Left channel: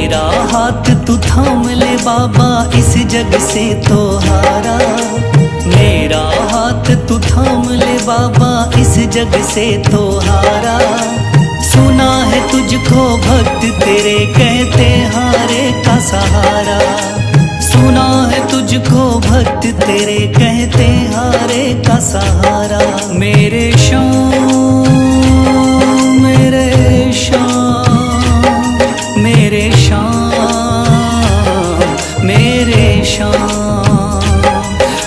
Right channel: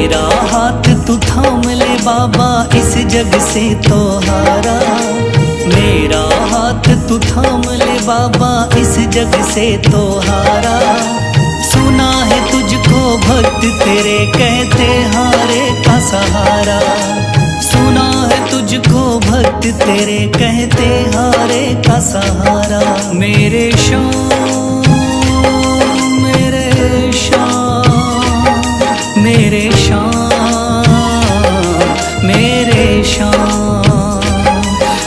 मेरा हाथ तू थाम ले बाबा, इस जग से तो हारा। मेरा हाथ तू थाम ले बाबा, इस जग से तो हारा। सुना है तुझको भक्त तेरे कहते हारे का सहारा। सुना है तुझको भक्त तेरे कहते हारे का सहारा। मेरे श्याम मेरे श्याम मेरे श्याम मेरे श्याम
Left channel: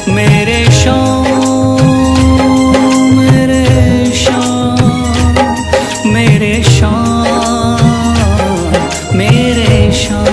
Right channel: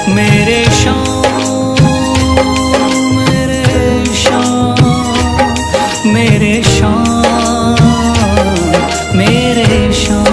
मेरे श्याम मेरे श्याम मेरे श्याम मेरे श्याम।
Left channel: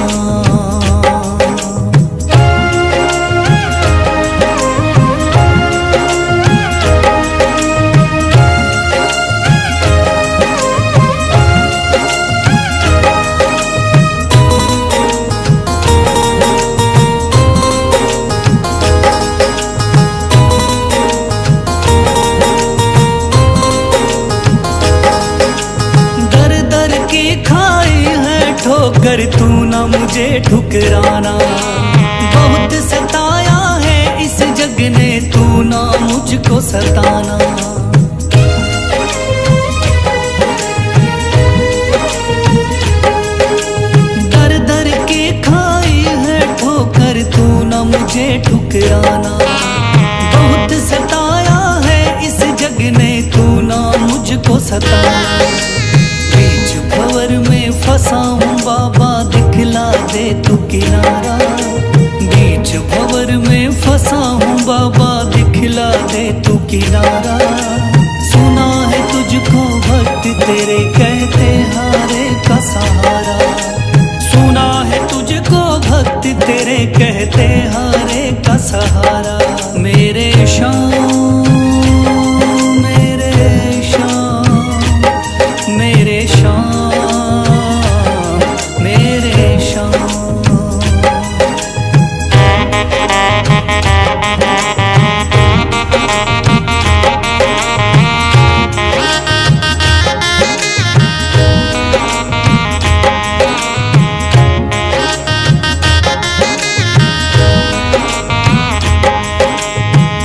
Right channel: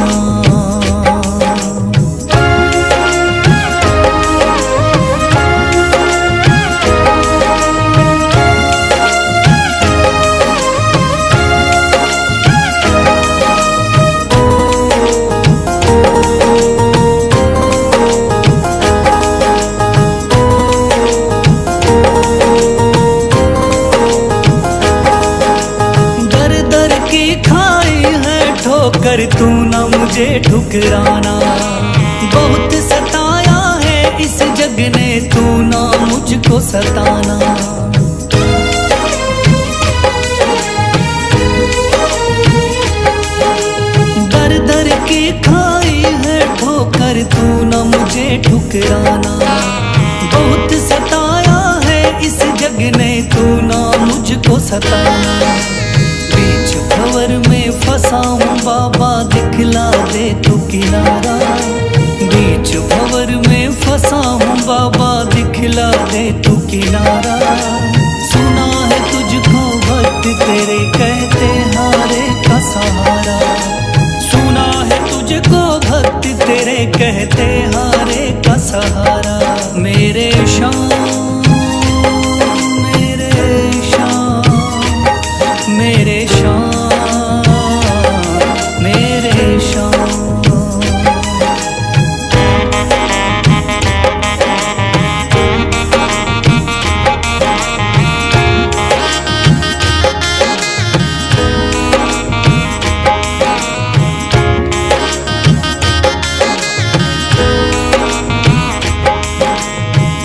दर की खाई है ठोकर, तू ना मुझे ठुकराना। बहुत सताया है इस जग ने, तू ना मुझको सताना। दर दर की खाई है ठोकर, तू ना मुझे ठुकराना। बहुत सताया है इस जग ने, तू ना मुझको सताना। बीच भंवर में फंसा हूँ बाबा, दिखला दे तू किनारा। बीच भंवर में फंसा हूँ बाबा, दिखला दे तू किनारा। सुना है तुझको भक्त तेरे कहते हारे का सहारा। सुना है तुझको भक्त तेरे कहते हारे का सहारा। मेरे श्याम मेरे श्याम मेरे श्याम मेरे श्याम।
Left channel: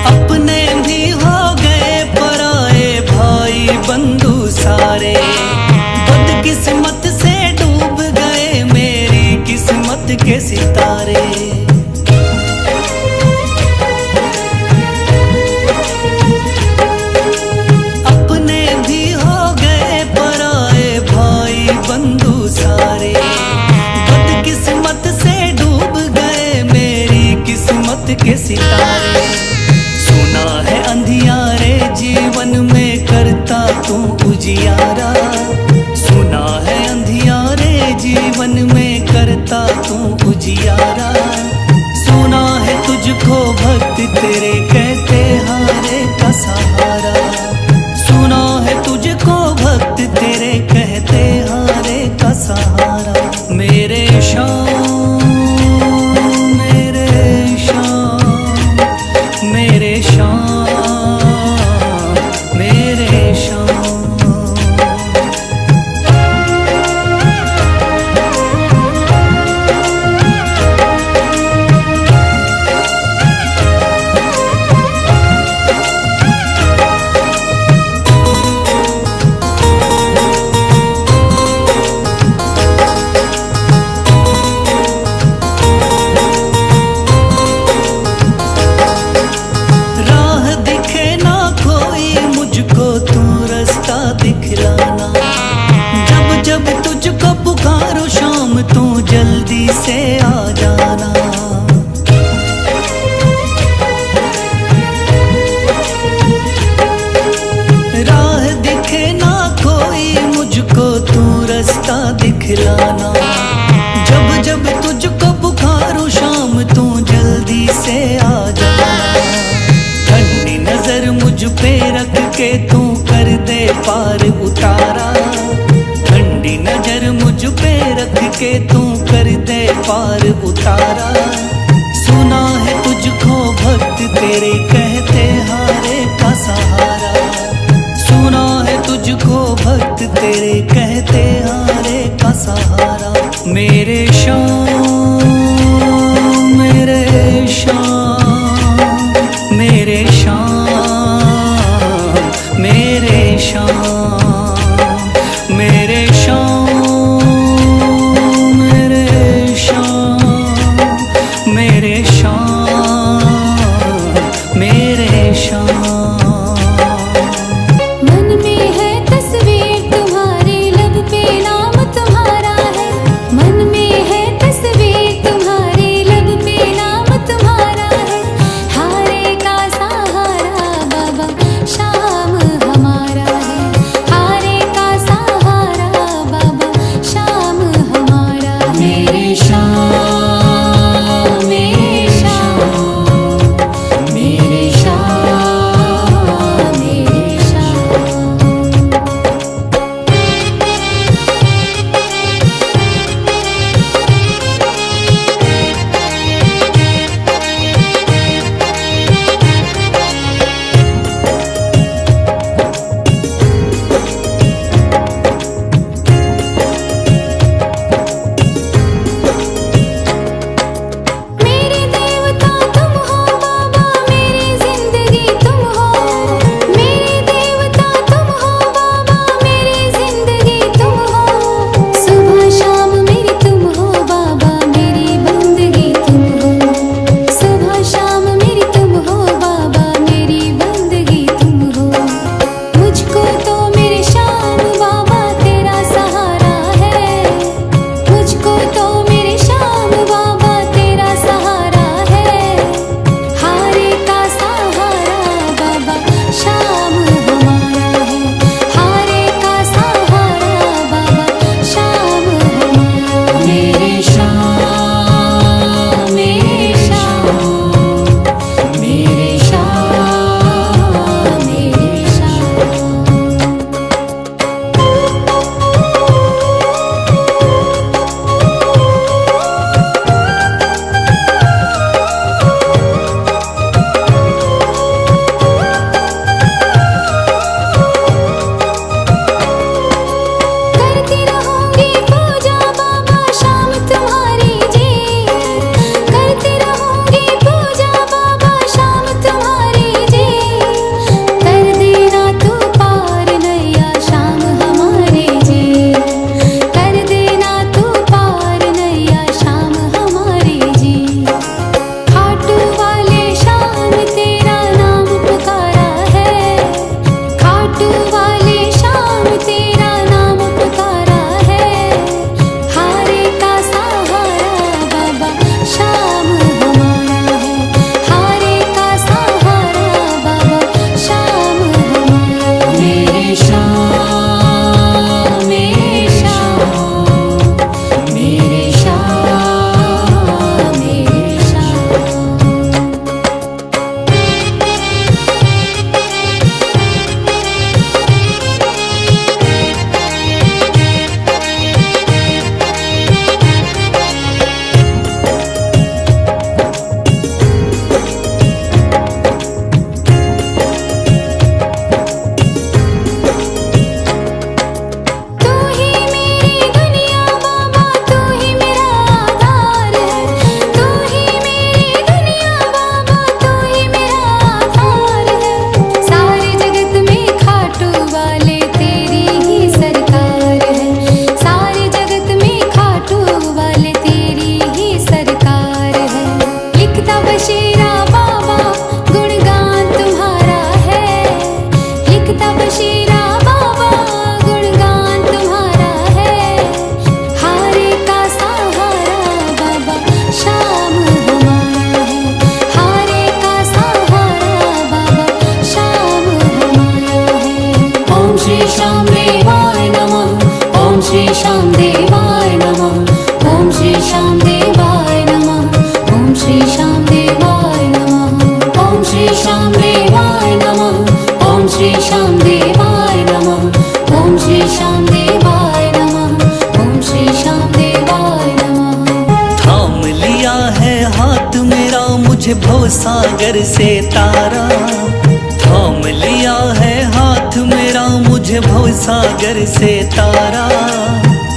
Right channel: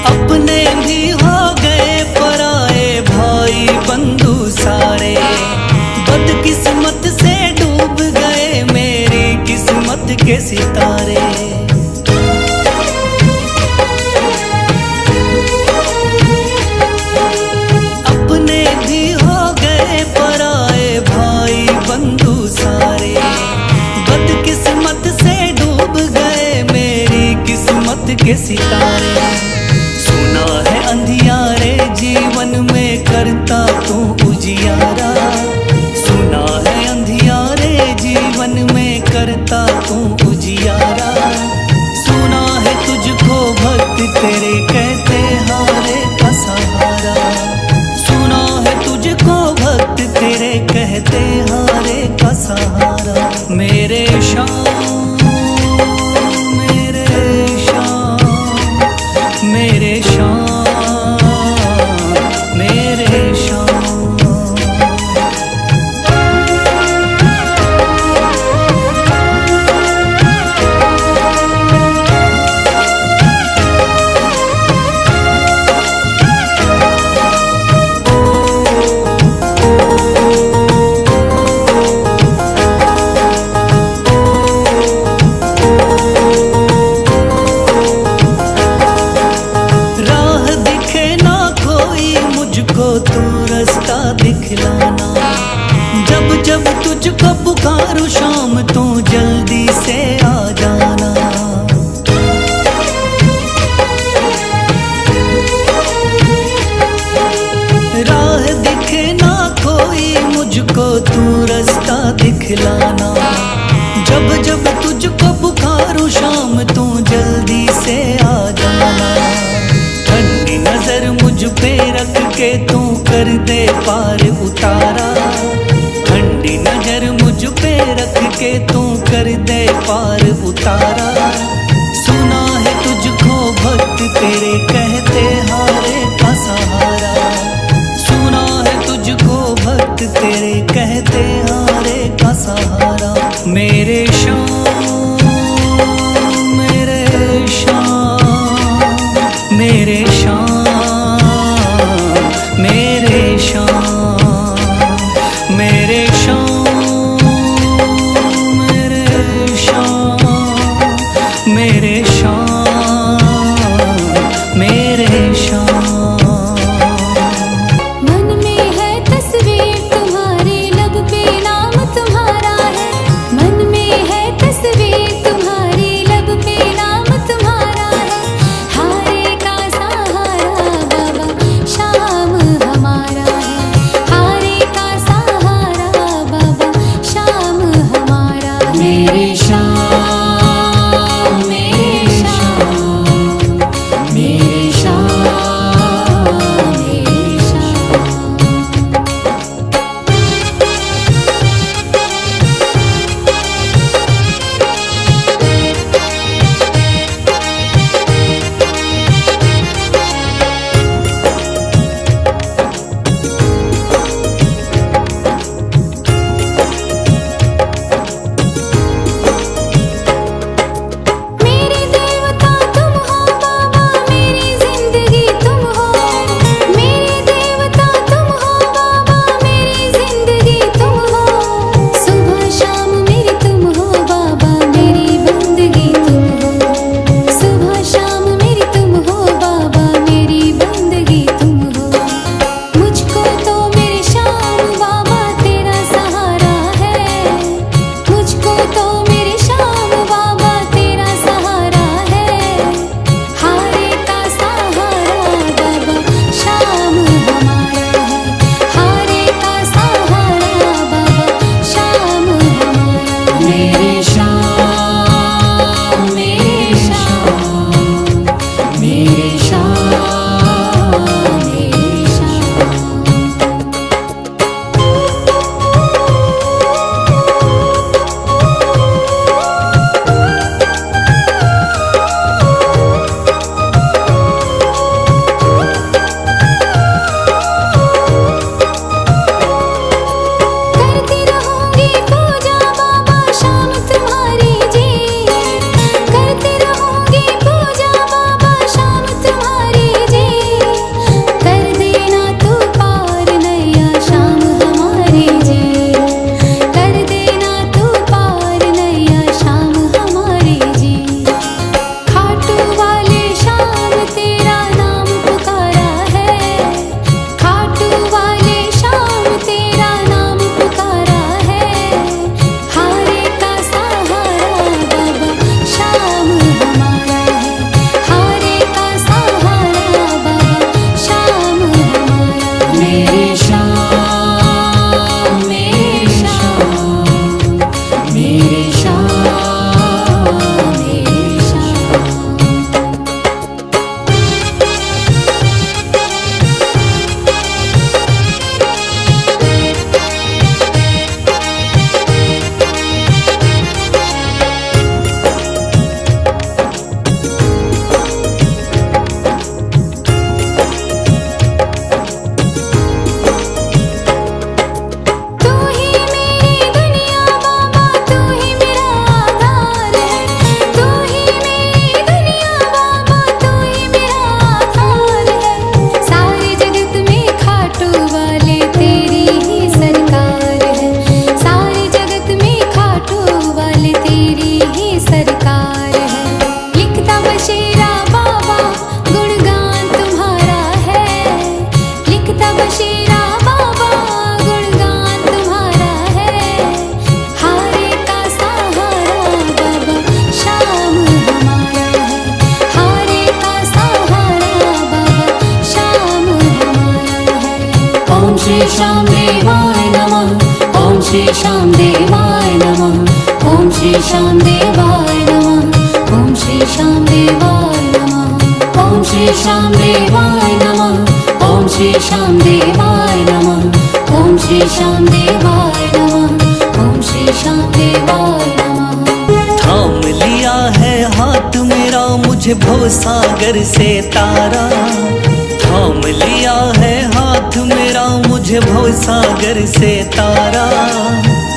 अपने भी हो गए पराए भाई बंधु सारे। बदकिस्मत से डूब गए मेरी किस्मत के सितारे। अपने भी हो गए पराए भाई बंधु सारे। बदकिस्मत से डूब गए मेरी किस्मत के सितारे। सुना है अंधियारे जीवन में करता तू उजियारा। सुना है अंधियारे जीवन में करता तू उजियारा। सुना है तुझको भक्त तेरे कहते हारे का सहारा। सुना है तुझको भक्त तेरे कहते हारे का सहारा। मेरे श्याम मेरे श्याम मेरे श्याम मेरे श्याम। राह दिखे ना कोई मुझको, तू रास्ता दिखलाना। जब जब तुझको पुकारूं शाम, तू जल्दी से आ जाना। राह दिखे ना कोई मुझको, तू रास्ता दिखलाना। जब जब तुझको पुकारूं शाम, तू जल्दी से आ जाना। ठंडी नजर मुझ पे रख के तू कर दे पार उतारा। ठंडी नजर मुझ पे रख के तू कर दे पार उतारा। सुना है तुझको भक्त तेरे कहते हारे का सहारा। चुना है तुझको भक्त तेरे, कहते हारे का सहारा। मेरे श्याम मेरे श्याम मेरे श्याम मेरे श्याम मेरे श्याम मेरे श्याम मेरे श्याम मेरे श्याम। मन में है तस्वीर तुम्हारी, लब पे नाम तुम्हारा है। मन में है तस्वीर तुम्हारी, लब पे नाम तुम्हारा है। हारे का सहारा बाबा श्याम हमारा है। हारे का सहारा बाबा श्याम हमारा है। मेरे श्याम मेरे श्याम मेरे श्याम मेरे श्याम। मेरे देवता तुम हो बाबा, मेरी जिंदगी तुम हो। मेरे देवता तुम हो बाबा, मेरी जिंदगी तुम हो। सुबह शाम मेरी तुम हो बाबा, मेरी बंदगी तुम हो। सुबह शाम मेरी तुम हो बाबा, मेरी बंदगी तुम हो। मुझको तो मेरे श्याम बाबा तेरा सहारा है। मुझको तो मेरे श्याम बाबा तेरा सहारा है। हारे का सहारा बाबा श्याम हमारा है। हारे का सहारा बाबा श्याम हमारा है। मेरे श्याम मेरे श्याम मेरे श्याम मेरे श्याम। करती रहूंगी पूजा बाबा शाम तुम्हारी जी। करती रहूंगी पूजा बाबा शाम तुम्हारी जी। कर देना तू पार नैया शाम हमारे जी। कर देना तू पार नैया शाम हमारे जी। खाटू वाले शाम तेरा नाम पुकारा है। खाटू वाले शाम तेरा नाम पुकारा है। हारे का सहारा बाबा श्याम हमारा है। हारे का सहारा बाबा श्याम हमारा है। मेरे श्याम मेरे श्याम मेरे श्याम मेरे श्याम। तू ही मेरी दुनिया बाबा, तू ही मेरा आधार है। तू ही मेरी दुनिया बाबा, तू ही मेरा आधार है। सारे जगत में खाटू वाले तेरी ही सरकार है। सारे जगत में खाटू वाले तेरी ही सरकार है। लिखता बशीरा बाबा गुणगान तुम्हारा है। लिखता बशीरा बाबा गुणगान तुम्हारा है। हारे का सहारा बाबा श्याम हमारा है। हारे का सहारा बाबा श्याम हमारा है। ओम श्री श्याम देवाय नमः। ओम श्री श्याम देवाय नमः। ओम श्री श्याम देवाय नमः। ओम श्री श्याम देवाय नमः। ओम श्री श्याम देवाय नमः। ओम श्री श्याम देवाय नमः। ओम श्री श्याम देवाय नमः। ओम श्री श्याम देवाय नमः। थाम लिया है हाथ मेरा, मुझे भवसागर से तारा। थाम लिया है हाथ मेरा मुझे भवसागर से तारा।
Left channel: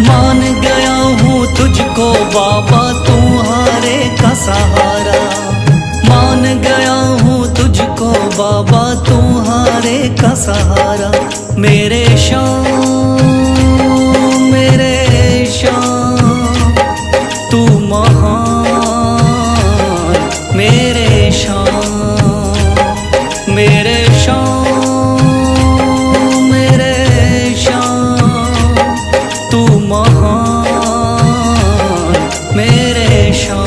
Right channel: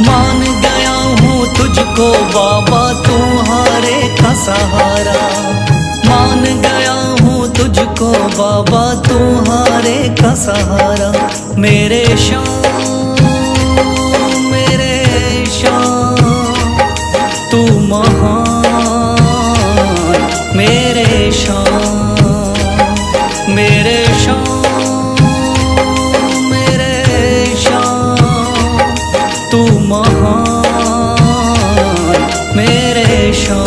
मान गया हूँ तुझको बाबा तुम्हारे का सहारा। मान गया हूँ तुझको बाबा तुम्हारे का सहारा। मेरे शाम तू महान। मेरे शाम तू महान। मेरे शाम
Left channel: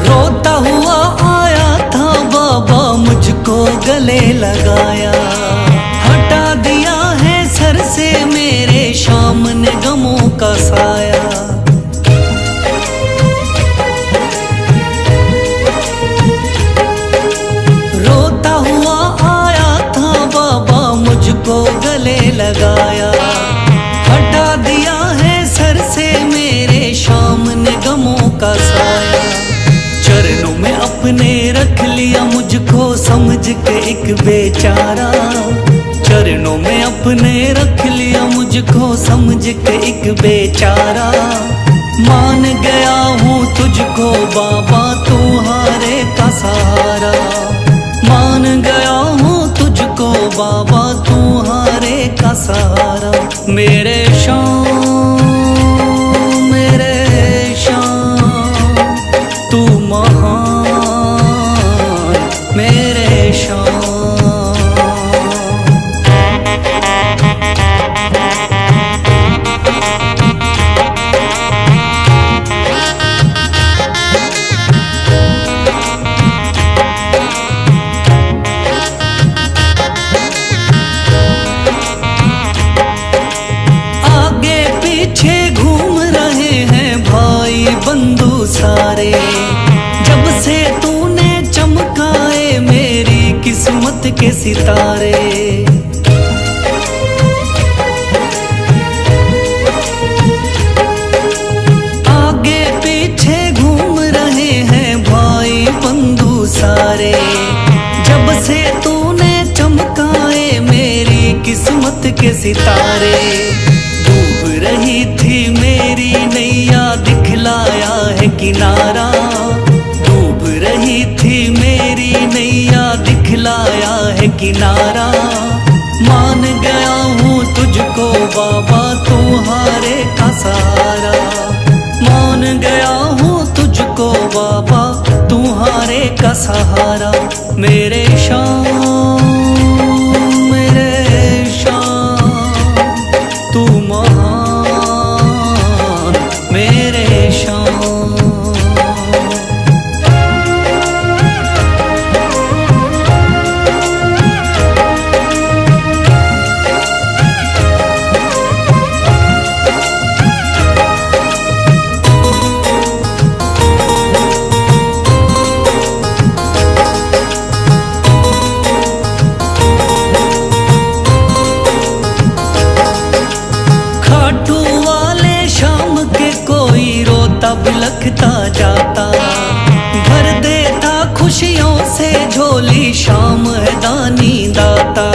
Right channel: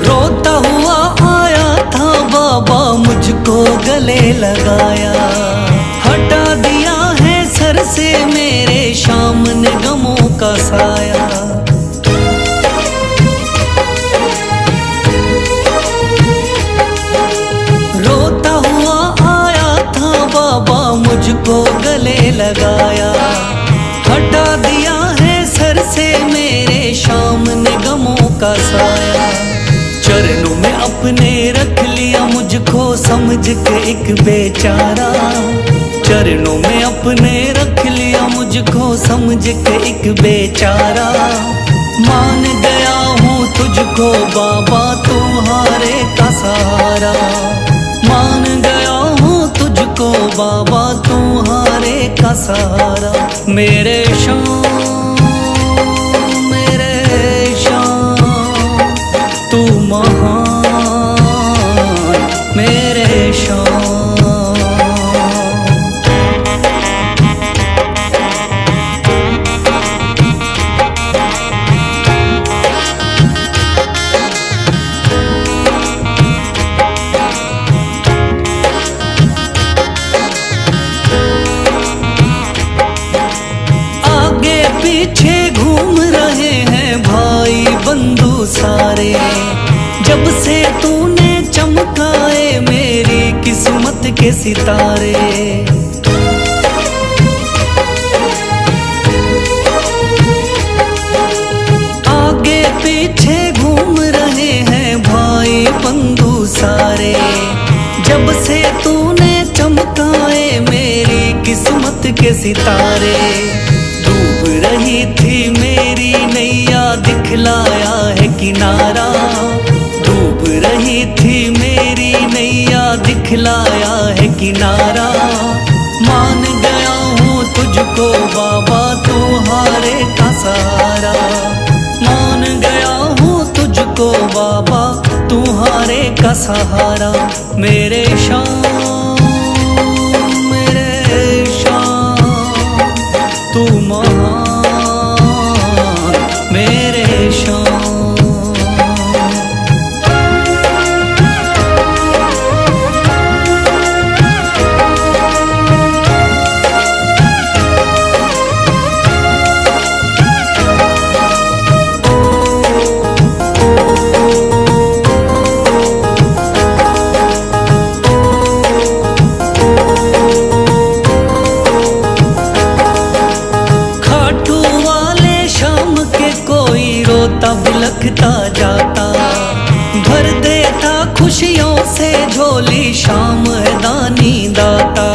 रोता हुआ आया था बाबा मुझको गले लगाया। हटा दिया है सर से मेरे शाम ने गमों का साया। रोता हुआ आया था बाबा मुझको गले लगाया। हटा दिया है सर से मेरे शाम ने गमों का साया। चरणों में अपने रख लिया मुझको समझ के एक बेचारा। चरणों में अपने रख लिया मुझको समझ के एक बेचारा। मान गया हूँ तुझको बाबा तुम्हारे का सहारा। मान गया हूँ तुझको बाबा तुम्हारे का सहारा। मेरे शाम तू महान। मेरे शाम आगे पीछे घूम रहे हैं भाई बंधु सारे। जब से तूने चमकाए मेरी किस्मत के सितारे। आगे पीछे घूम रहे हैं भाई बंधु सारे। जब से तूने चमकाए मेरी किस्मत के सितारे। डूब रही थी मेरी नैया दिखलाया है किनारा। डूब रही थी मेरी नैया दिखलाया है किनारा। मान गया हूँ तुझको बाबा तुम्हारे का सहारा। मान गया हूँ तुझको बाबा तुम्हारे का सहारा। मेरे शाम तू महान। मेरे शाम खाटू वाले शाम के कोई रोता बिलखता जाता। भर देता खुशियों से झोली शाम है दानी दाता।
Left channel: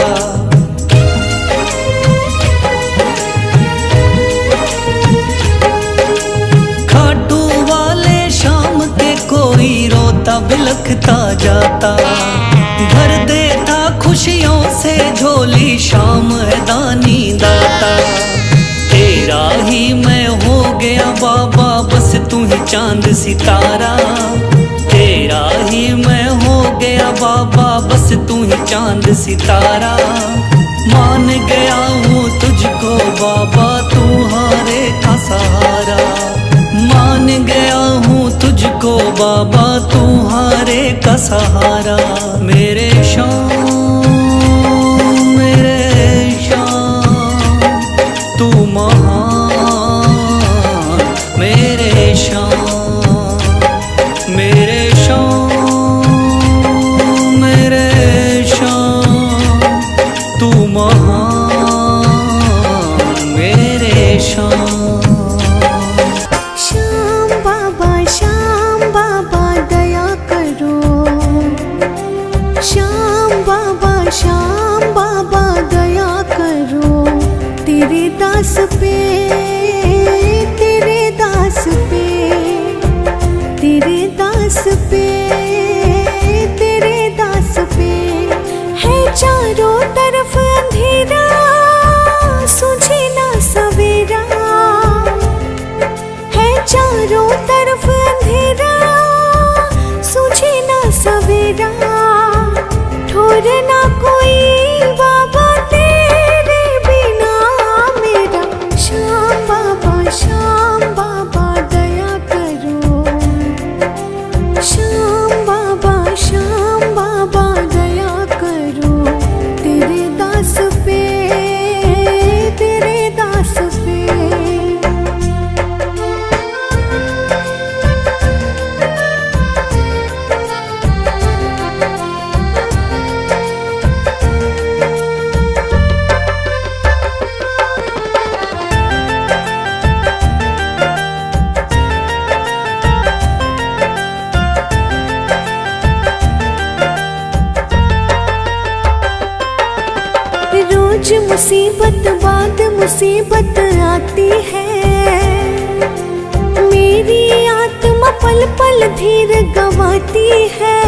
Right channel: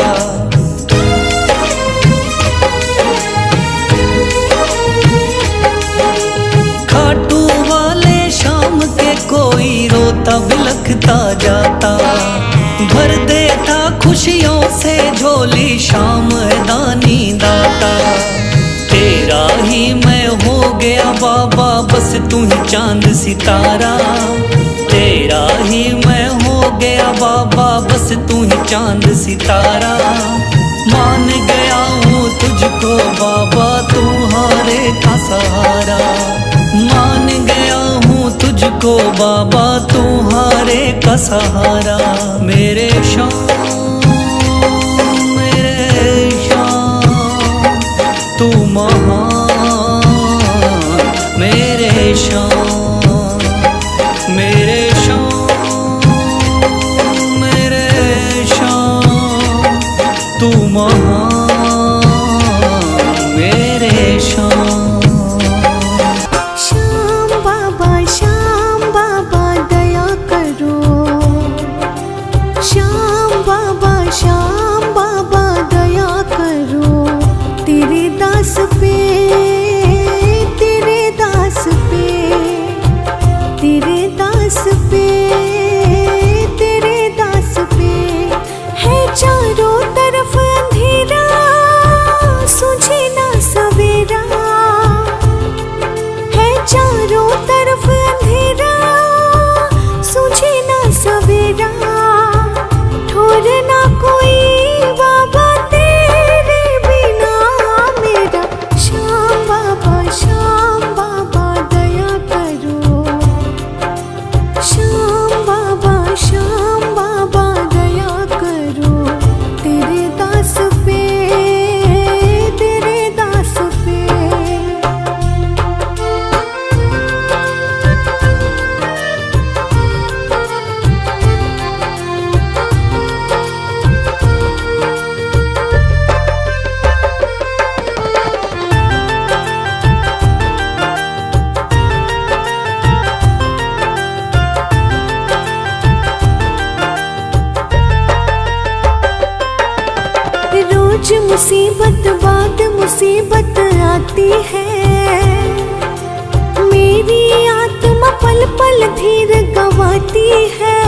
खाटू वाले शाम के कोई रोता बिलखता जाता। भर देता खुशियों से झोली शाम है दानी दाता। तेरा ही मैं हो गया बाबा बस तू ही चांद सितारा। तेरा ही मैं हो गया बाबा बस तू ही चांद सितारा। मान गया हूँ तुझको बाबा तुम्हारे का सहारा। मान गया हूँ तुझको बाबा तुम्हारे का सहारा। मेरे शाम तू महान मेरे शान, मेरे शान, मेरे शान, तू महान मेरे शान। श्याम बाबा दया करो। श्याम बाबा दया करो। तेरे दास पे, तेरे दास पे, तेरे दास पे, तेरे दास पे है चारों तरफ अंधेरा, सूझे ना सवेरा। है चारों तरफ अंधेरा, सूझे ना सवेरा। ठोर ना कोई बाबा तेरे बिना मेरा। श्याम बाबा दया करो। श्याम बाबा दया करो। तेरे दास पे, तेरे दास पे। रोज मुसीबत बाद मुसीबत आती है। मेरी आत्मा पल पल धीर गंवाती है।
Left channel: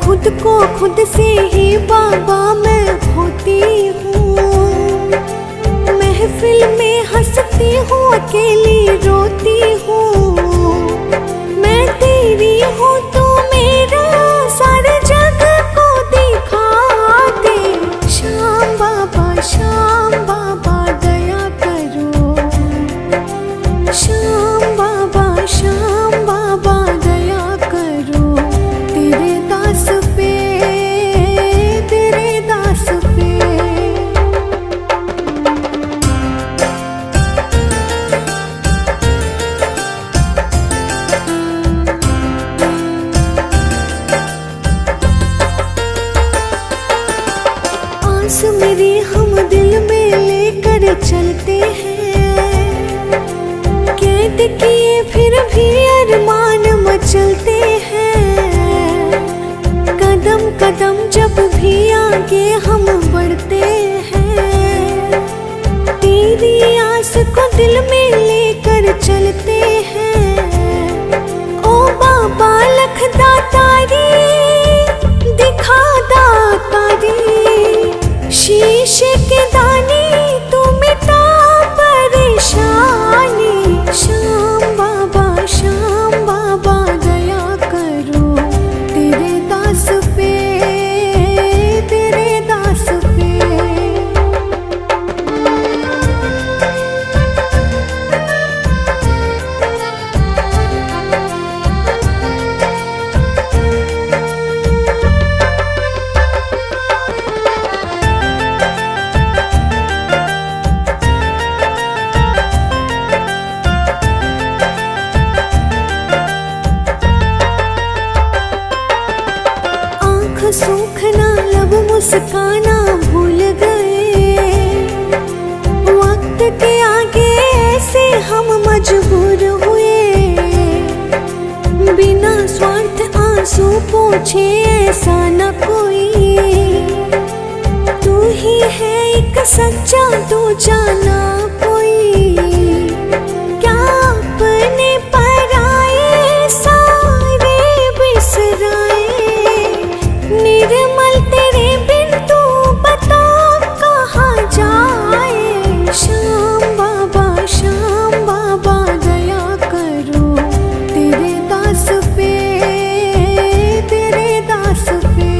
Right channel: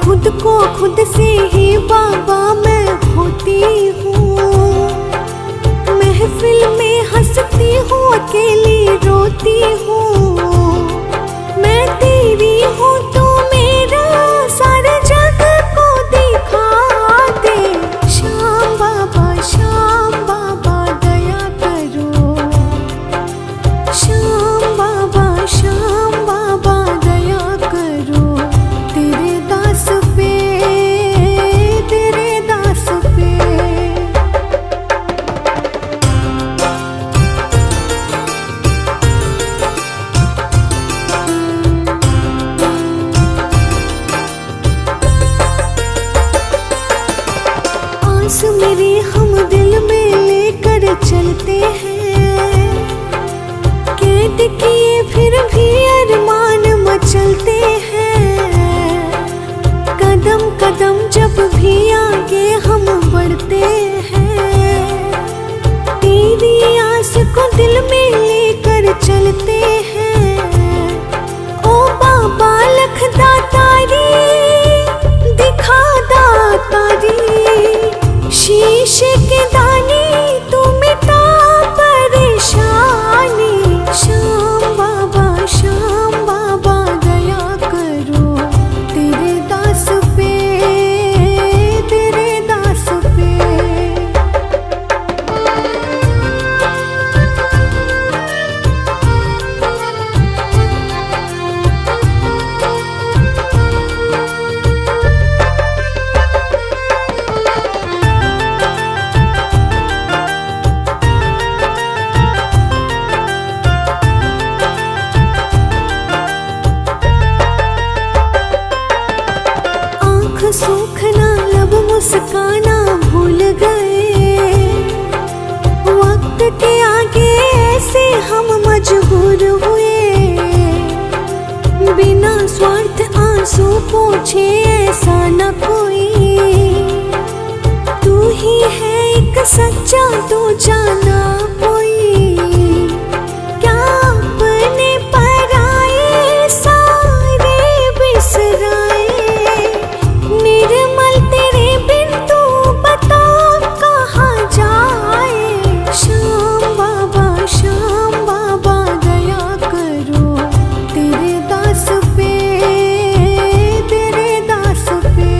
खुद को खुद से ही बाबा मैं खोती हूँ। महफिल में हंसती हूँ, अकेली रोती हूँ। मैं तेरी हूँ तो मेरा सारे जग को दिखा दे। श्याम बाबा दया करो। श्याम बाबा दया करो। तेरे दास पे, तेरे दास पे। आस मेरी हम दिल में लेकर चलते हैं। कैद किए फिर भी अरमान मचलते हैं। कदम कदम जब भी आगे हम बढ़ते हैं। तेरी आस को दिल में लेकर चलते हैं। ओ बाबा लख दातारी, दिखा दातारी। शीशे के दाने तू मिटा परेशानी। श्याम बाबा दया करो। तेरे दास पे, तेरे दास पे। सूखना लब मुस्काना भूल गए। वक्त के आगे ऐसे हम मजबूर हुए। बिना स्वार्थ आंसू पोंछे ऐसा न कोई। तू ही है एक सच्चा, तू जाना कोई। क्या अपने पराए सारे बिसराए। निर्मल तेरे बिन तू बता कहाँ जाए। श्याम बाबा दया करो। तेरे दास पे, तेरे दास पे।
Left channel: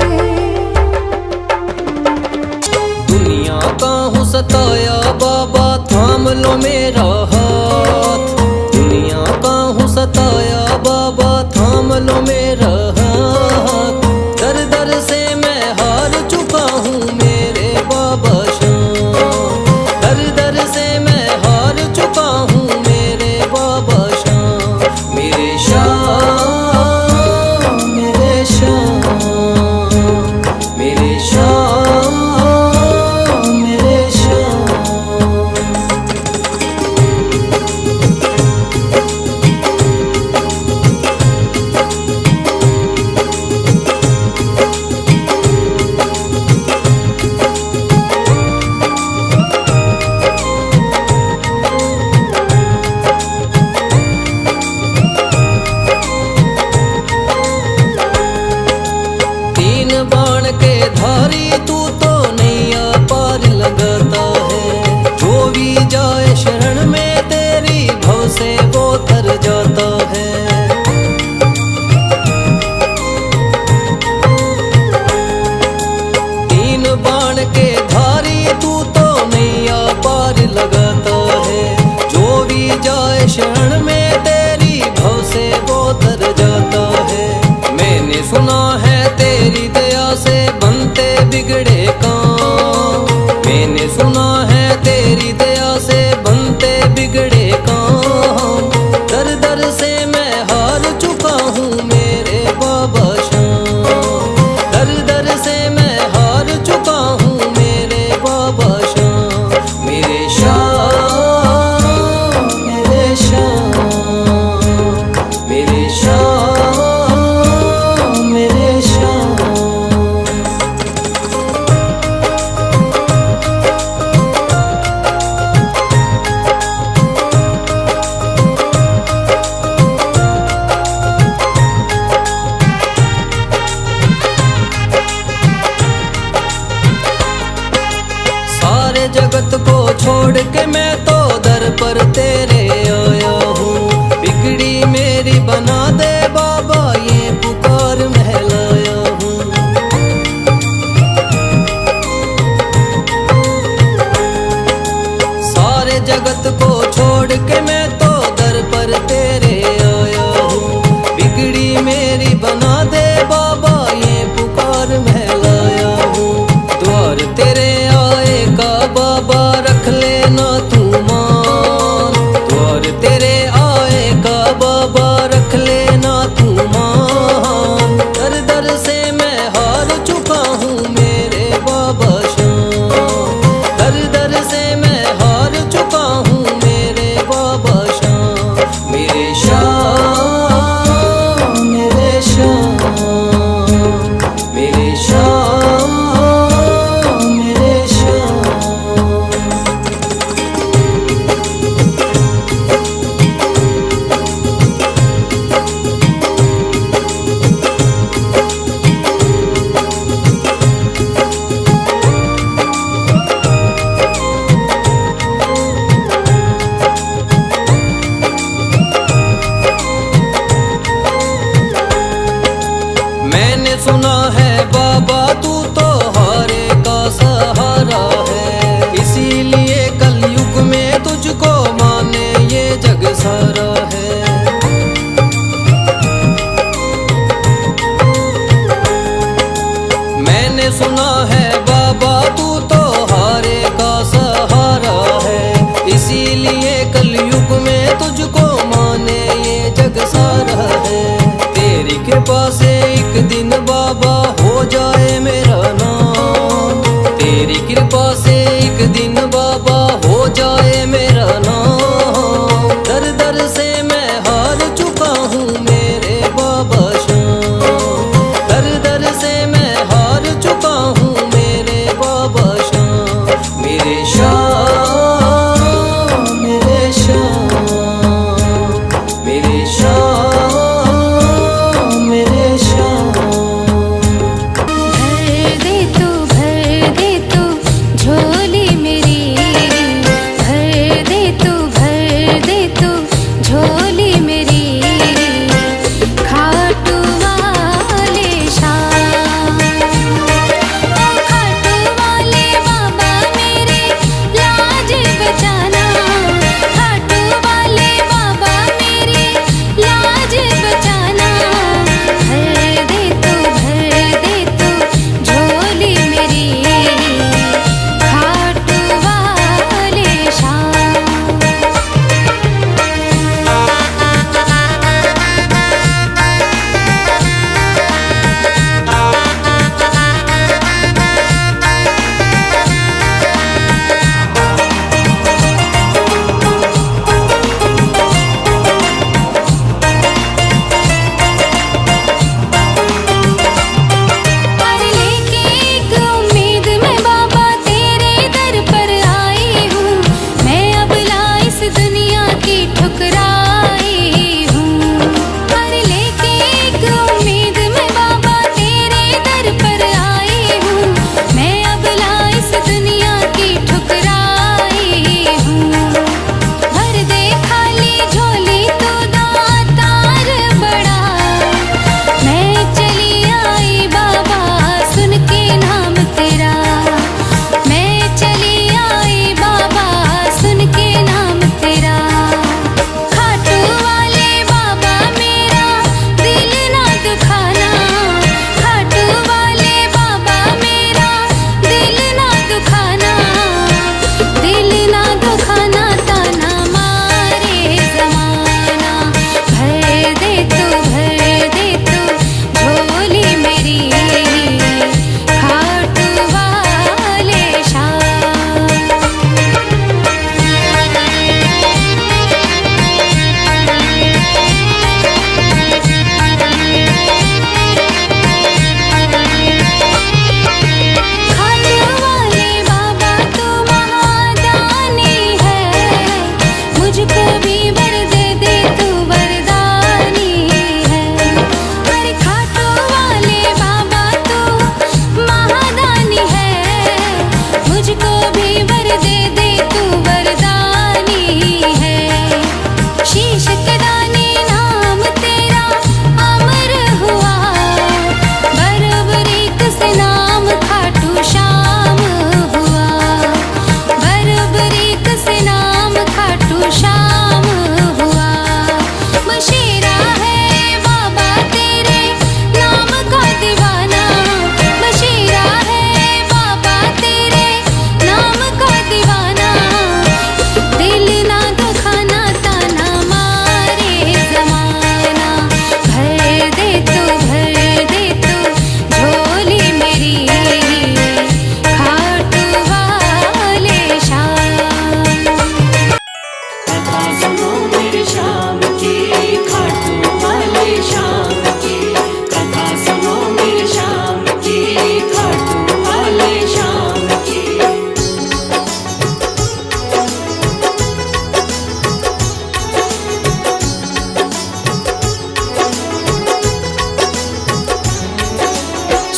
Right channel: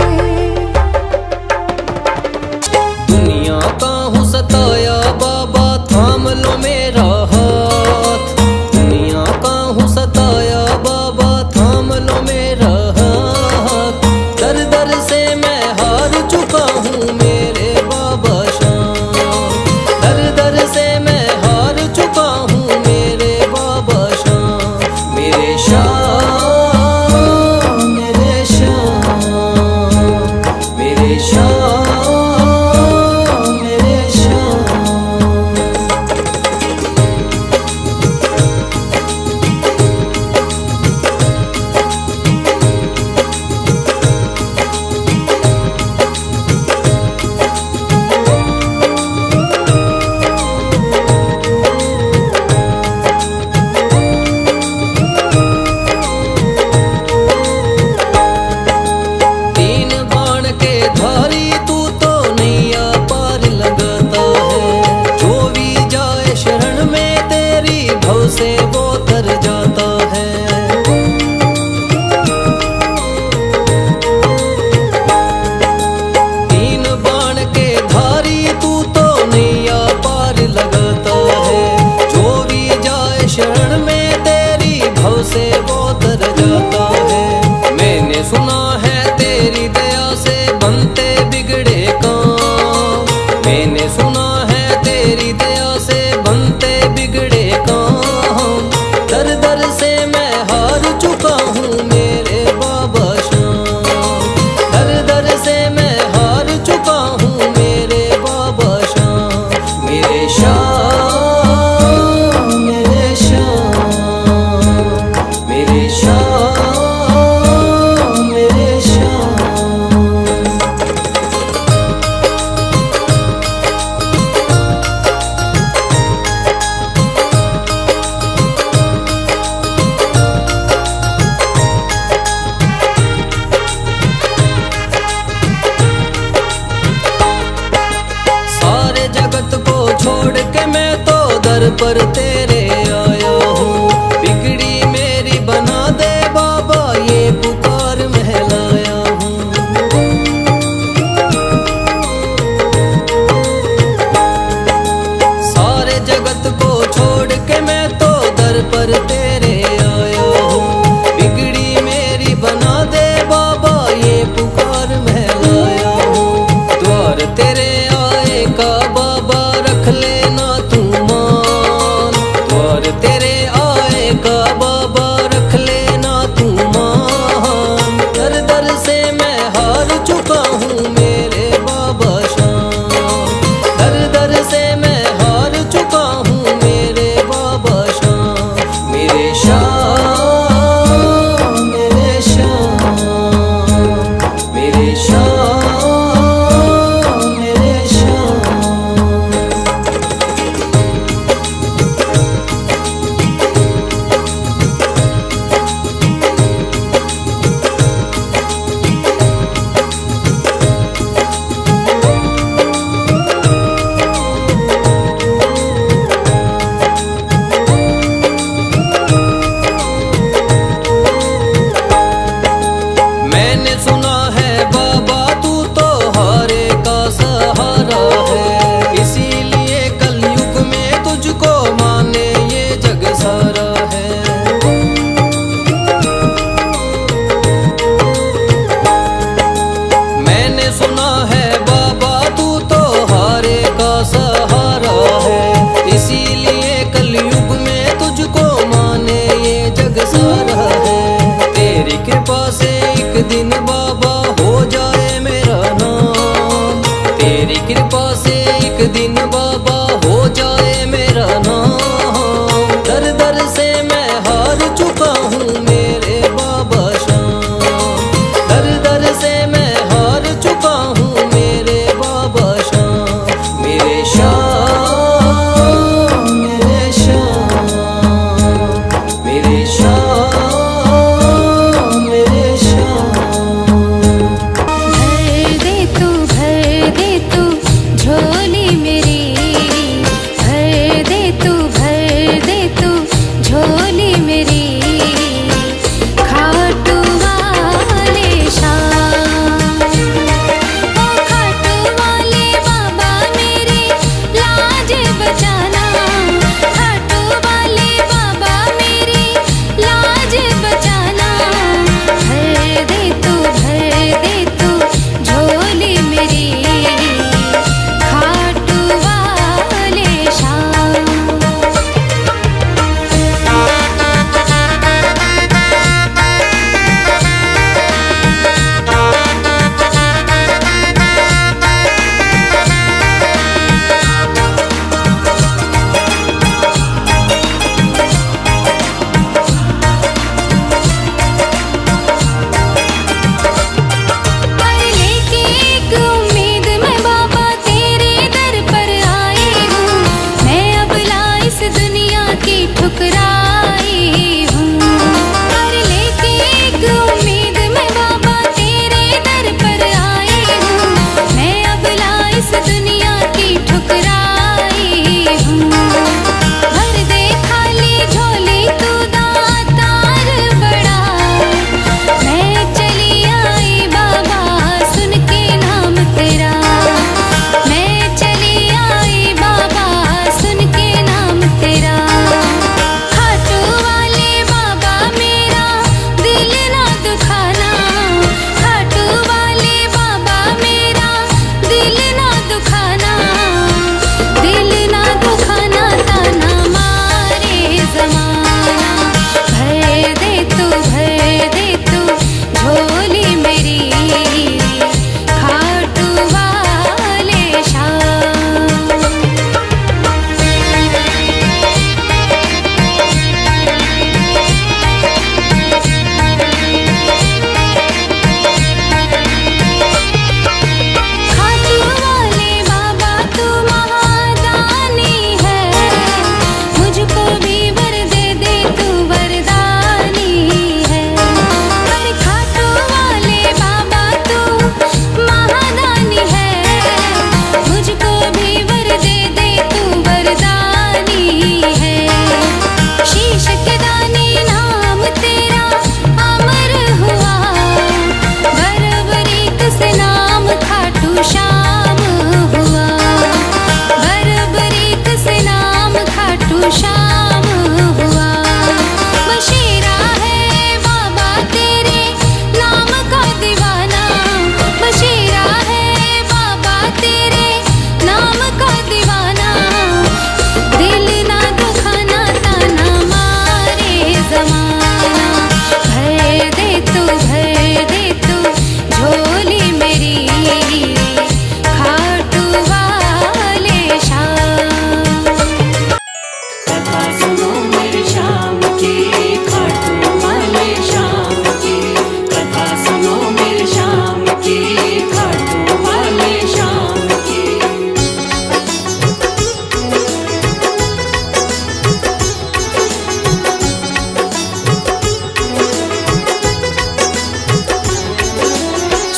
दुनिया का हूँ सताया बाबा, थाम लो मेरा हाथ। दुनिया का हूँ सताया बाबा, थाम लो मेरा हाथ। दर दर से मैं हार चुका हूँ मेरे बाबा श्याम। दर दर से वो तर जाता है। तीन बाण के धारी तू तो नैया पार लगाता है। जो भी जाए शरण में तेरी भव से वो तर जाता है। मैंने सुना है तेरी दया से बनते बिगड़े काम। मैंने सुना है तेरी दया से बनते बिगड़े काम। दर दर से मैं हार चुका हूँ मेरे बाबा श्याम। दर दर से मैं हार चुका हूँ मेरे बाबा श्याम। मेरे श्याम, मेरे श्याम, मेरे श्याम, मेरे श्याम। सारे जगत को छोड़ के मैं तो दर पर तेरे आया हूँ। बिगड़ी मेरी बना दे बाबा ये पुकार महलाया हूँ। सारे जगत को छोड़ के मैं तो दर पर तेरे आया हूँ। बिगड़ी मेरी बना दे बाबा ये पुकार महलाया हूँ। द्वार तेरे आए का बाबा रख लेना तू मान। द्वार तेरे आए का बाबा रख लेना तू मान। दर दर से मैं हार चुका हूँ मेरे बाबा श्याम। दर दर से मैं हार चुका हूँ मेरे बाबा श्याम। मेरे श्याम, मेरे श्याम, मेरे श्याम, मेरे श्याम। मैंने सुना है बाबा तू तो हारे का सहारा है। इसीलिए कलयुग में तुझको माने ये जग सारा है। मैंने सुना है बाबा तू तो हारे का सहारा है। इसीलिए कलयुग में तुझको माने ये जग सारा है। तेरी कृपा से एक दिन बाबा हो जाए मेरा नाम। तेरी कृपा से एक दिन बाबा हो जाए मेरा नाम। दर दर से मैं हार चुका हूँ मेरे बाबा श्याम। दर दर से मैं हार चुका हूँ मेरे बाबा श्याम। मेरे श्याम, मेरे श्याम, मेरे श्याम, मेरे श्याम। भर दे तू झोली मेरी। भर दे तू झोली मेरी।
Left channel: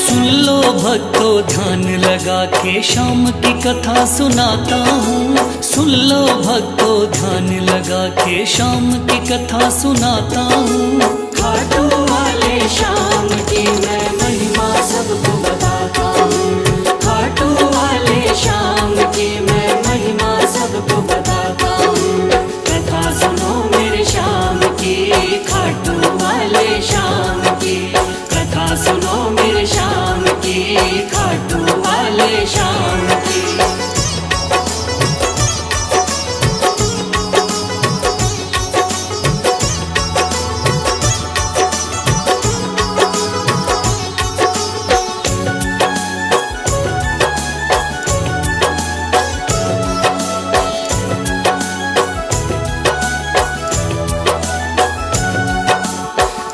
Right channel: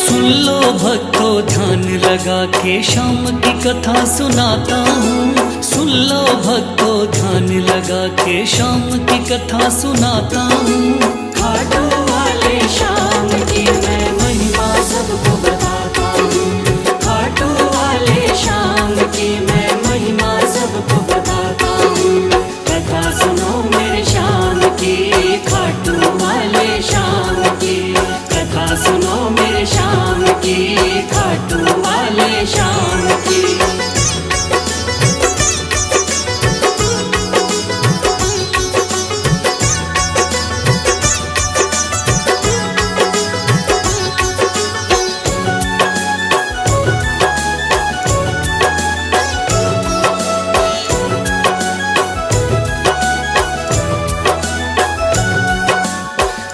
सुन लो भक्तों ध्यान लगा के शाम की कथा सुनाता हूँ। सुन लो भक्तों ध्यान लगा के शाम की कथा सुनाता हूँ। खाटू वाले शाम की मैं महिमा सबको बताता हूँ। खाटू वाले शाम की मैं महिमा सबको बताता हूँ। कथा सुनो मेरे शाम की, खाटू वाले शाम की। कथा सुनो मेरे शाम की, खाटू वाले शाम की।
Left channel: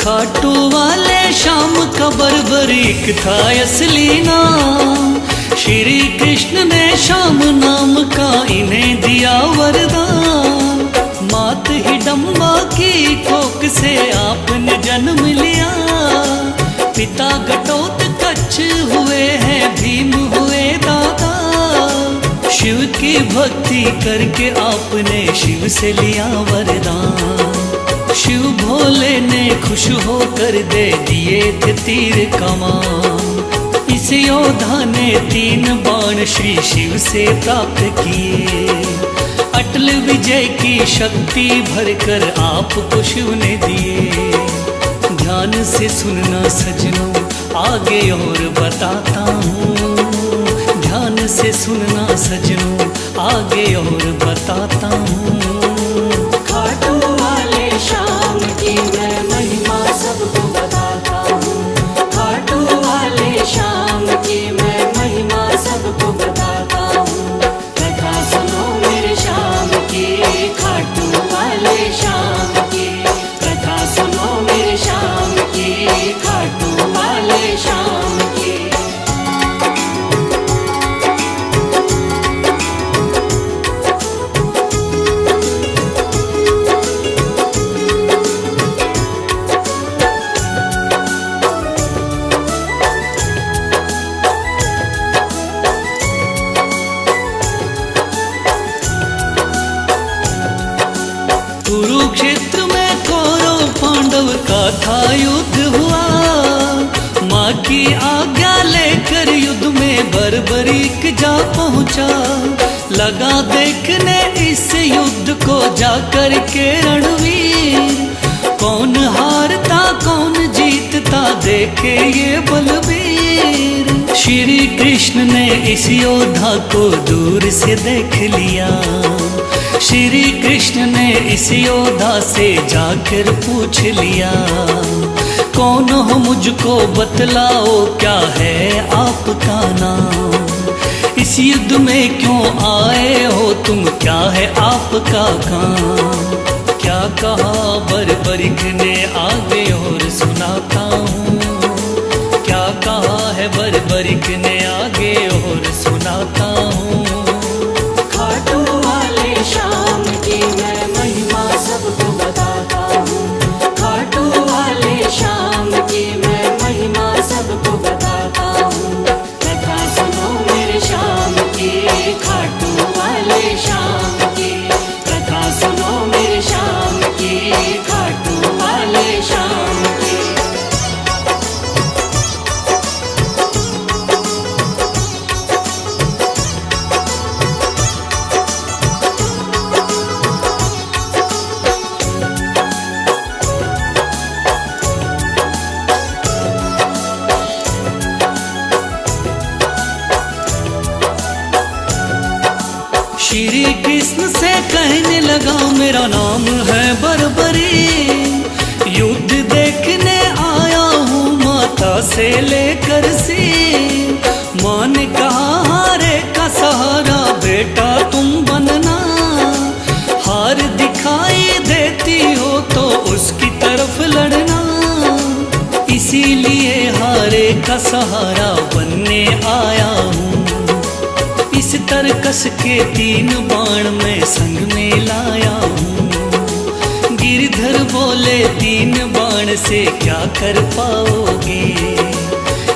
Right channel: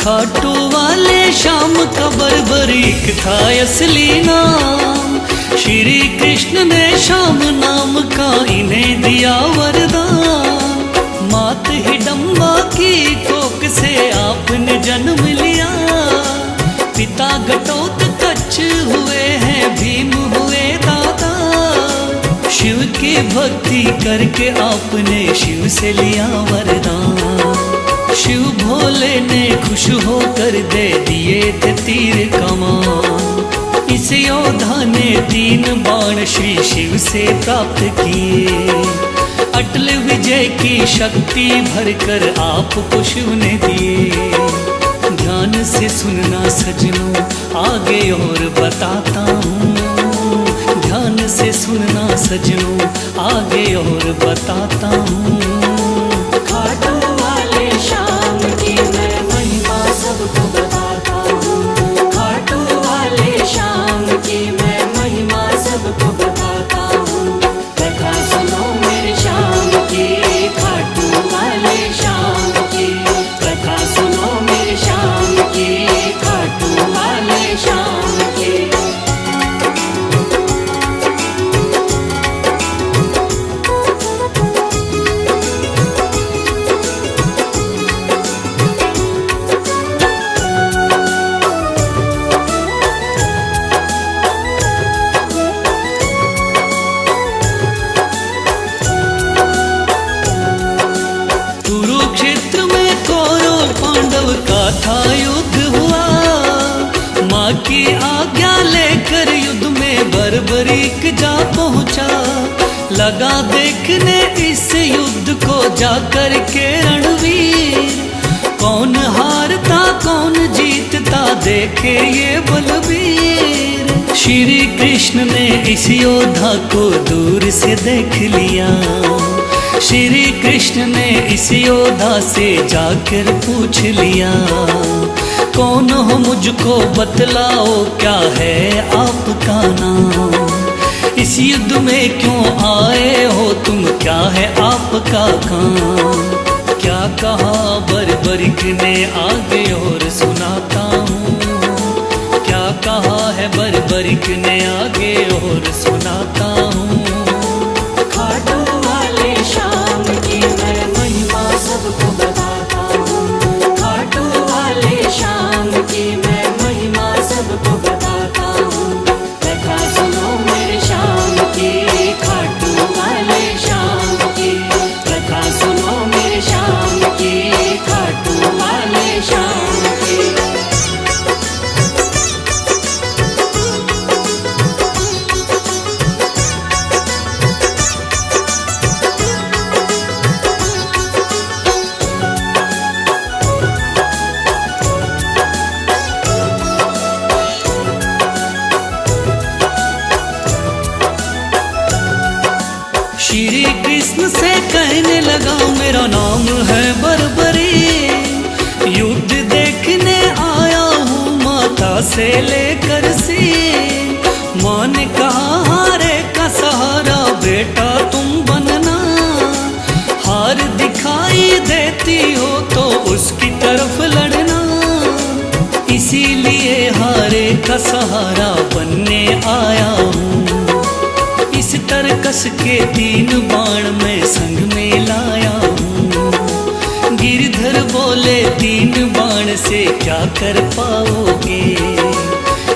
खाटू वाले शाम का बर्बरीक था असली नाम। श्री कृष्ण ने शाम नाम का इन्हें दिया वरदान। मात हिडम्बा की कोख से आपने जन्म लिया। पिता घटोत्कच हुए हैं, भीम हुए दादा। शिव की भक्ति करके आपने शिव से लिया वरदान। शिव भोले ने खुश होकर दे दिए थे तीर कमान। इस योद्धा ने 3 बाण श्री शिव से प्राप्त किए। अटल विजय की शक्ति भरकर आपको शिव ने दिए। ध्यान से सुनना सजनों आगे और बताता हूँ। ध्यान से सुनना सजनों आगे और बताता हूँ। खाटू वाले शाम की मैं महिमा सबको बताता हूँ। खाटू वाले शाम की मैं महिमा सबको बताता हूँ। कथा सुनो मेरे शाम की, खाटू वाले शाम की। कथा सुनो मेरे शाम की, खाटू वाले शाम की। कुरुक्षेत्र में कौरव पांडव का था युद्ध हुआ। माँ की आज्ञा लेकर युद्ध में बर्बरीक जा पहुँचा। लगा देखने इस युद्ध को जाकर के रणवीर। कौन हारता कौन जीतता देखे ये बलबीर। श्री कृष्ण ने इस योद्धा को दूर से देख लिया। श्री कृष्ण ने इस योद्धा से जाकर पूछ लिया। कौन हो मुझको बतलाओ, क्या है आपका नाम। इस युद्ध में क्यों आए हो तुम, क्या है आपका काम। क्या कहा बर्बरीक ने आगे और सुनाता हूँ। क्या कहा है बर्बरीक ने आगे और सुनाता हूँ। खाटू वाले शाम की मैं महिमा सबको बताता हूँ। खाटू वाले शाम की मैं महिमा सबको बताता हूँ। कथा सुनो मेरे शाम की, खाटू वाले शाम की। कथा सुनो मेरे शाम की, खाटू वाले शाम की। श्री कृष्ण से कहने लगा मेरा नाम है बर्बरी। युद्ध देखने आया हूँ माता से लेकर सीन। माँ ने कहा हारे का सहारा बेटा तुम बनना। हार दिखाई देती हो तो उसकी तरफ लड़ना। इसीलिए हारे का सहारा बनने आया हूँ। इस तरकस के 3 बाण में संग में लाया हूँ। गिरधर बोले 3 बाण से क्या कर पाओगे।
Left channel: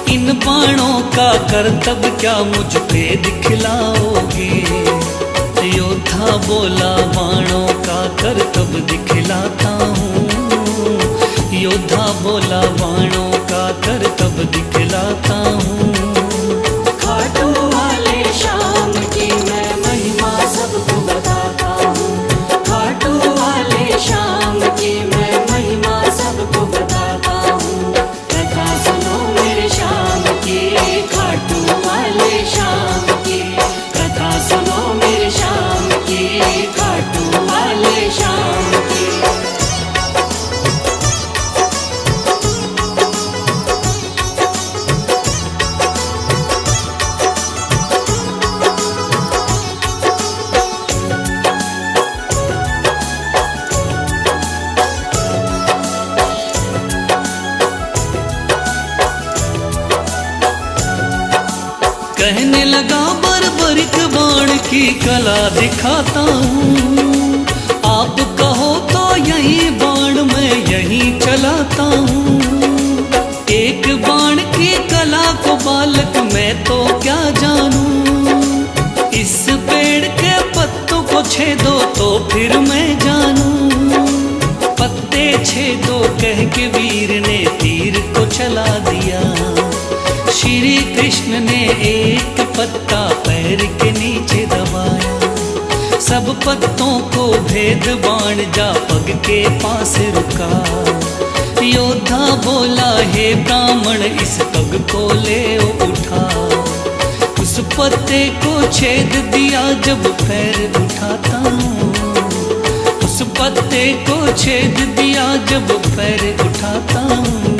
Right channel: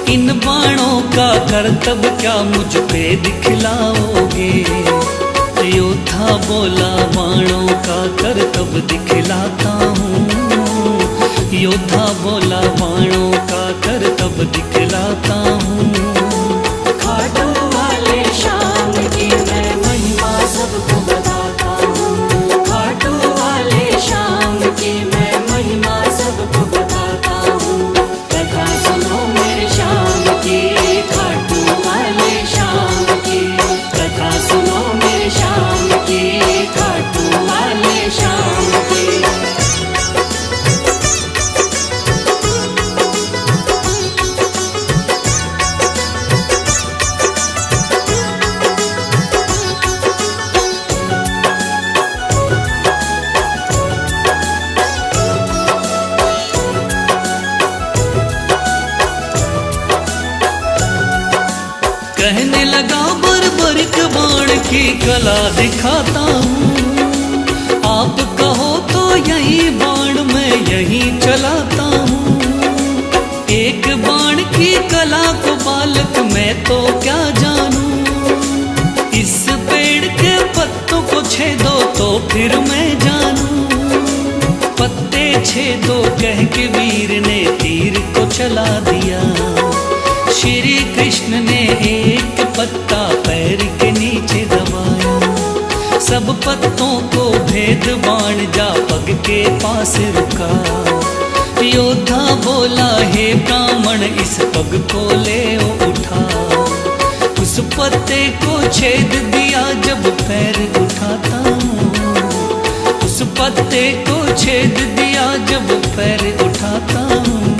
इन बाणों का करतब क्या मुझ पे दिखलाओगे? योद्धा बोला बाणों का करतब दिखलाता हूँ। योद्धा बोला बाणों का करतब दिखलाता हूँ। खाटू वाले शाम की मैं महिमा सबको बताता हूँ। खाटू वाले शाम की मैं महिमा सबको बताता हूँ। कथा सुनो मेरे शाम की, खाटू वाले शाम की। कथा सुनो मेरे शाम की, खाटू वाले शाम की। कहने लगा बर्बरिक बाण की कला दिखाता हूँ। आप कहो तो यही बाण मैं यहीं चलाता हूँ। एक बाण की कला को बालक मैं तो क्या जानूं। इस पेड़ के पत्तों को छेदो तो फिर मैं जानूं। पत्ते छेदो कह के वीर ने तीर को चला दिया। श्री कृष्ण ने एक पत्ता पैर के नीचे दबाया। सब पत्तों को भेद बाण जा पग के पास रुका। योद्धा बोला हे ब्राह्मण इस पग को ले उठा। उस पत्ते को छेद दिया जब पैर उठाता हूँ। उस पत्ते को छेद दिया जब पैर उठाता हूँ।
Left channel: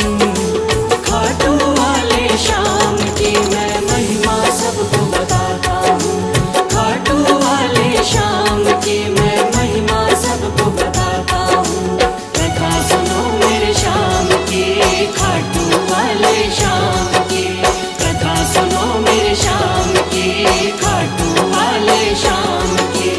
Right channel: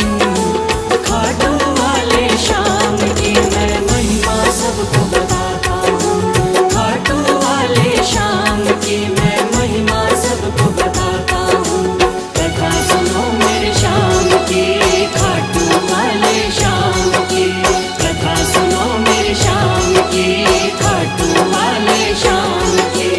खाटू वाले शाम की मैं महिमा सबको बताता हूँ। खाटू वाले शाम की मैं महिमा सबको बताता हूँ। कथा सुनो मेरे शाम की, खाटू वाले शाम की। कथा सुनो मेरे शाम की, खाटू वाले शाम की।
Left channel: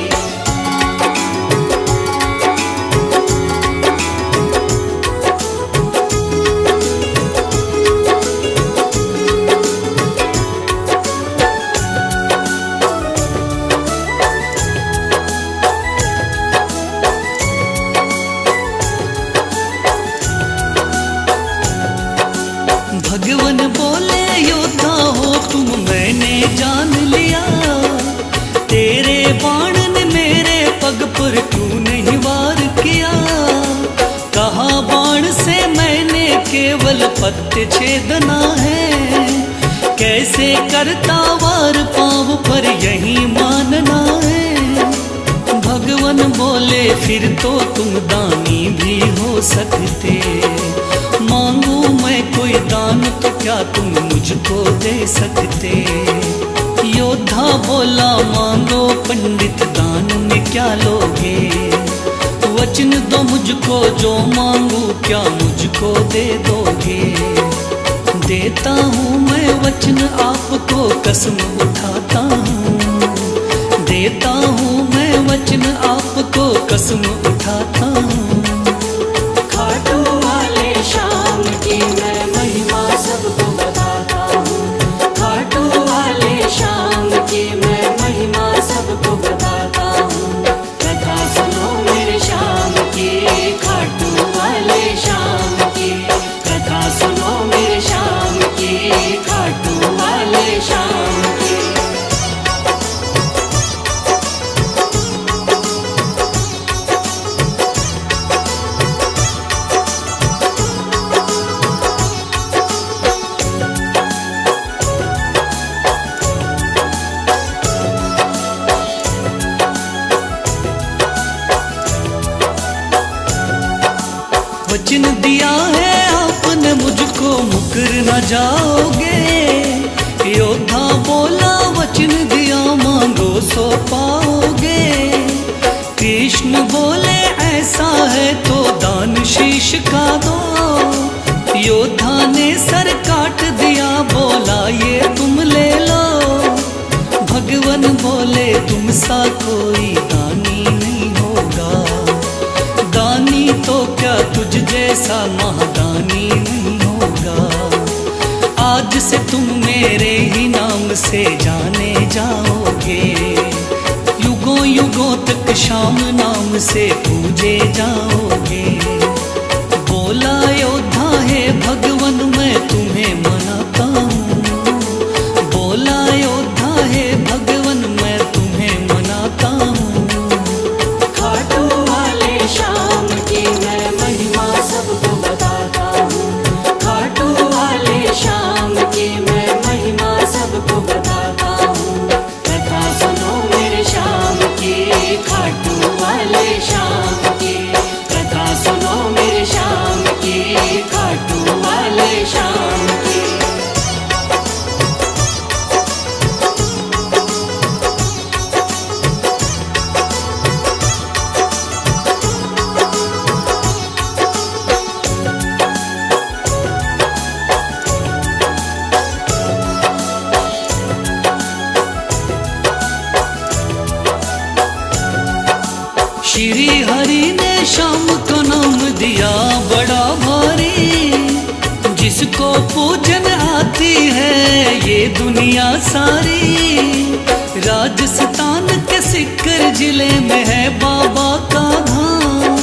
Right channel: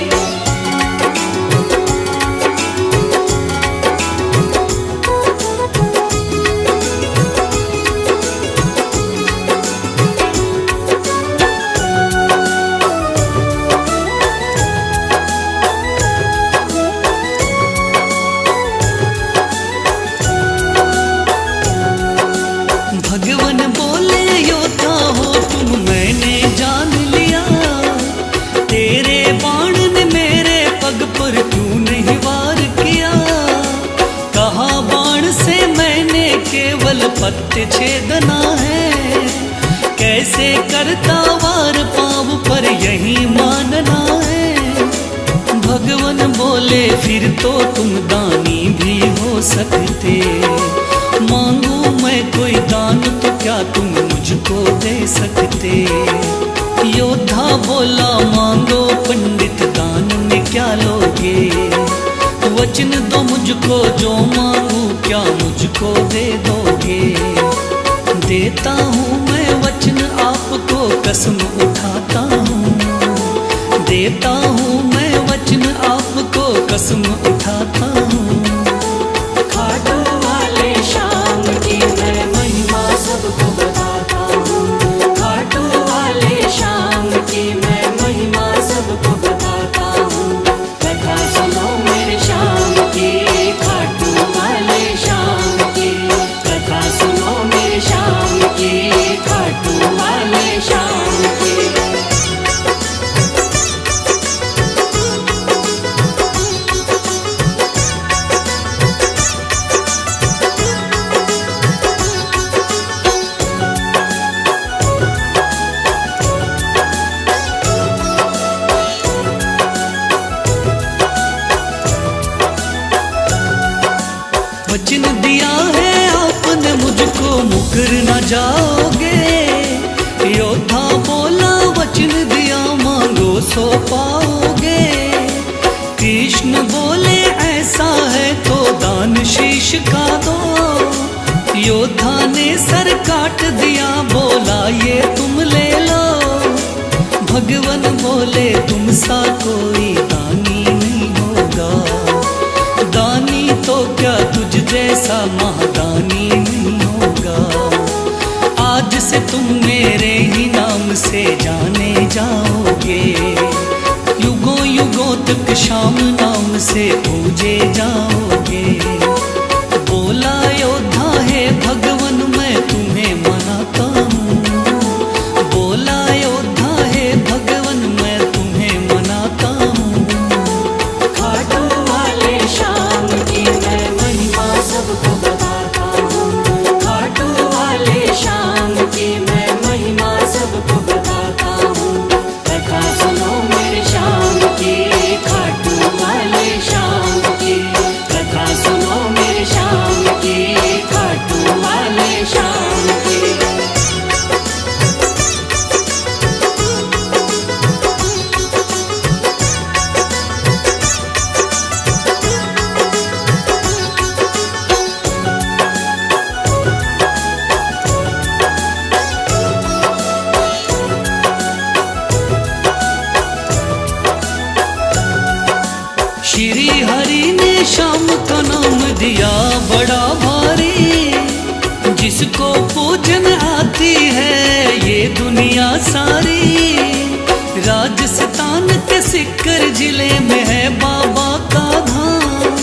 भगवान बोले योद्धा हो तुम मैंने जान लिया। तेरे बाण ने मेरे पग पर क्यों नहीं वार किया। कहा बाण से मैंने केवल पत्ते छेदना है। कैसे करता वार पाँव पर यही मानना है। भगवान बोले फिर तो तुम दानी भी हो सकते। मांगू मैं कोई दान तो क्या तुम मुझको दे सकते। योद्धा बोला मांगो पंडित दान में क्या लोगे। वचन दो मुझको जो मांगू क्या मुझको दे दोगे। देता हूँ मैं वचन आपको कसम उठाता हूँ। देता हूँ मैं वचन आपको कसम उठाता हूँ। खाटू वाले शाम की मैं महिमा सबको बताता हूँ। खाटू वाले शाम की मैं महिमा सबको बताता हूँ। कथा सुनो मेरे शाम की, खाटू वाले शाम की। कथा सुनो मेरे शाम की, खाटू वाले शाम की। वचन दिया है आपने मुझको मुकर न जाओगे। योद्धा बोला वचन दिया मांगो सो पाओगे। कृष्ण बोले ऐसा है तो दान शीश का दो। योद्धा ने सर काट दिया बोला ये तुम ले लो। भगवान बोले तुम सा कोई दानी नहीं होगा। दानी तो क्या तुझ जैसा महादानी नहीं होगा। आज से तुम मेरे ही नाम से जाने जाओगे, युगों युगों तक श्याम नाम से पूजे जाओगे। बोला योद्धा है भगवन मैं तुम्हें मनाता हूँ, बोला योद्धा है भगवन मैं तुम्हें मनाता हूँ। खाटू वाले श्याम की मैं महिमा सबको बताता हूँ, खाटू वाले श्याम की मैं महिमा सबको बताता हूँ। कथा सुनो मेरे श्याम की, खाटू वाले श्याम की, कथा सुनो मेरे श्याम की, खाटू वाले श्याम की। श्री हरि ने श्याम का नाम दिया बड़ा भारी, जिसको पूजन आती है ये दुनिया सारी। राजस्थान के सिक्कर जिले में है बाबा का धाम,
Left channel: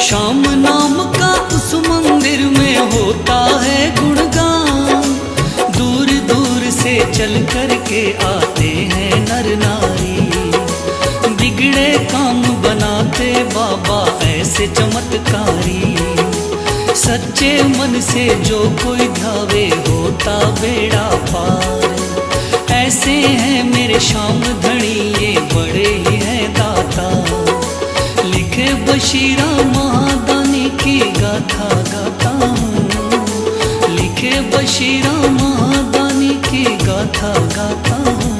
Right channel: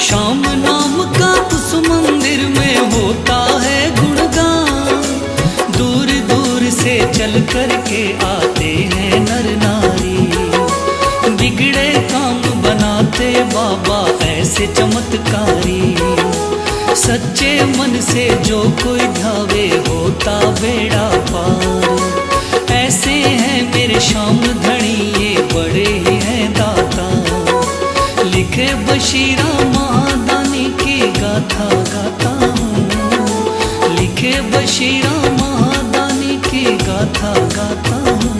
श्याम नाम का उस मंदिर में होता है गुणगान। दूर दूर से चल कर के आते हैं नर नारी, बिगड़े काम बनाते बाबा ऐसे चमत्कारी। सच्चे मन से जो कोई ध्यावे होता बेड़ा पार। ऐसे हैं मेरे श्याम धनी ये बड़े ही हैं दाता, लिखे बशीरा महादानी की गाथा गाता हूँ, लिखे बशीरा महादानी की गाथा गाता हूँ।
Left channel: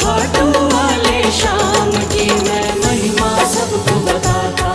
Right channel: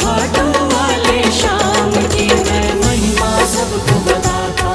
खाटू वाले श्याम की मैं महिमा सबको बताता